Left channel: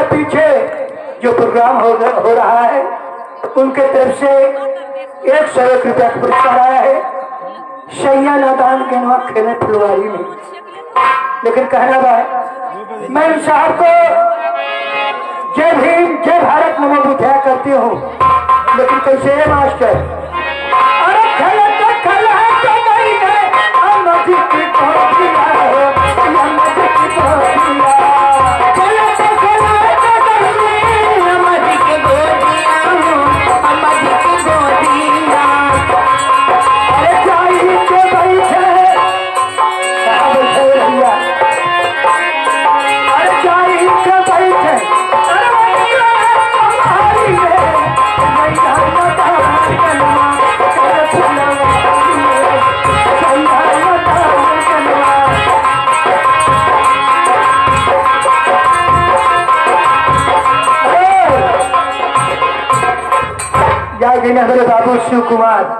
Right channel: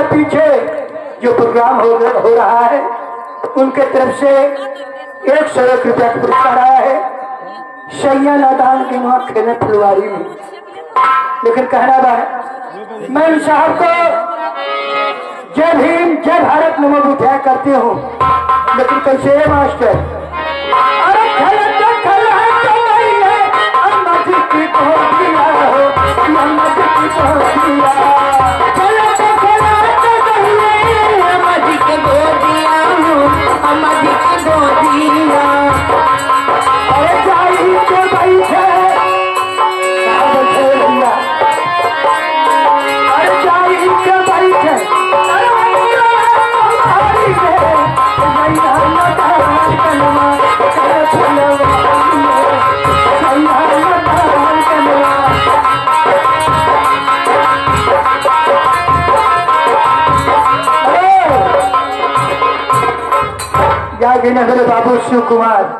के पीछे जो प्रोग्राम हो रहा है उनके तरफ से 101 रुपया का पुरस्कार आया है। सैया नादान के नवा खेले फुलवारी में, लेकिन कहना है मैं इन साहब को जय भीम जय भारत नमो बुद्धाय करती हूँ, लेकिन कैसे है मास्टर? अरे खेल है तो नहीं है अम्मा जी की गोदिया हो, अम्मा जी की गोदिया नगर बाबू शिव कुमार